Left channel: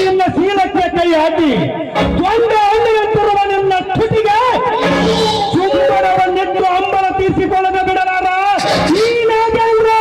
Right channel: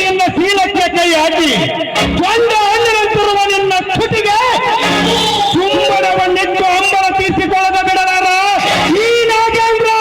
ನಿನ್ನ ಶೀಲಕ್ಕೆ ಕೈ ಹಾಕಿ ಕೊಂಡ ಹಣ್ಣಿನಂತಿರುವ ನಿನ್ನ ಸ್ಥಿತಿಗೆ ಸುಂದರವನ್ನಿಟ್ಟು ಈ ನಾಗೇಂದ್ರ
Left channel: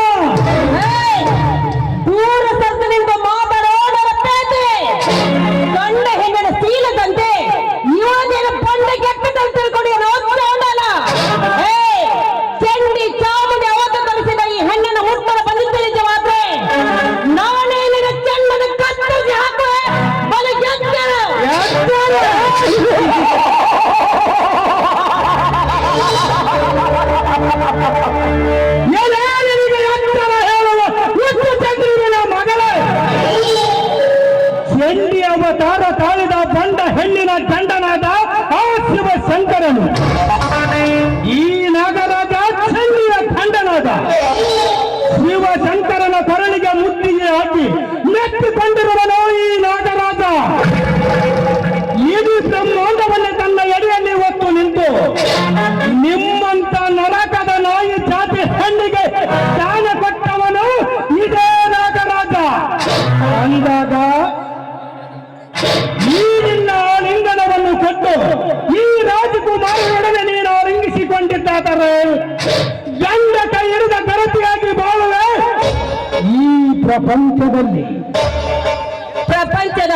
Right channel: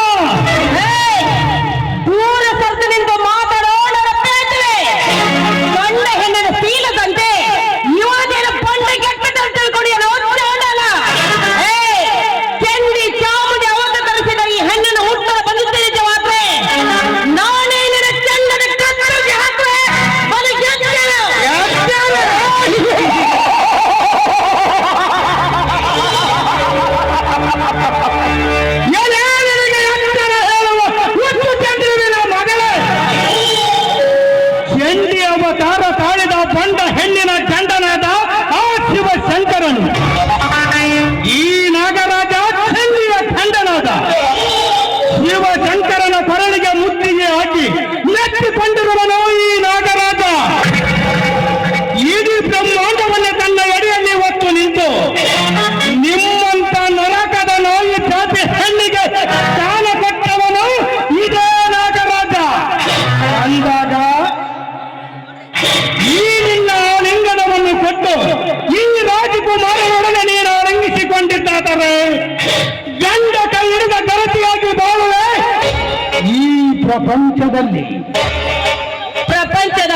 ಚಂಡಿ ಅವತಾರ ತಾಳಿದ ಬಂಡ ಹೆಣ್ಣಿನ ಗಂಡನಾದ ಆ ಶಿವ ಶಂಕರನು ಈ ನಾಗರಾಜ ಚಂಡಿಯ ಖಂಡನಾದ ಶಿವ ಶಂಕರನ ಕೊರಳಿಗೆ ಮುತ್ತಿಗೆ ಹಾಕಿ ಮೆಚ್ಚಿಕೊಂಡಿರುವನು ಈ ನಾಗರಾಜ. ಇಡೀ ಬ್ರಹ್ಮಾಂಡವನ್ನೇ ತನ್ನ ಎಡೆಯಲ್ಲಿ ಹೊತ್ತು ನಿಂತು ನಿಮ್ಮಂತ ಈ ನಿನ್ನ ಲಿಂಗನವನ್ನು ಕೊಟ್ಟು ಈ ರಾಜಕುಮಾರರೊಡನೆ ನೀನು ರಂಗಿಸಿಕೊಂಡಿದ್ದಾದರೆ, ಗಂಡ ಕೈ ಗರತಿಯಾಗಿ ಬಾಳುವೆ. ಈ ಪ್ರಪಂಚದಲ್ಲಿ ಪ್ರಪಂಚದ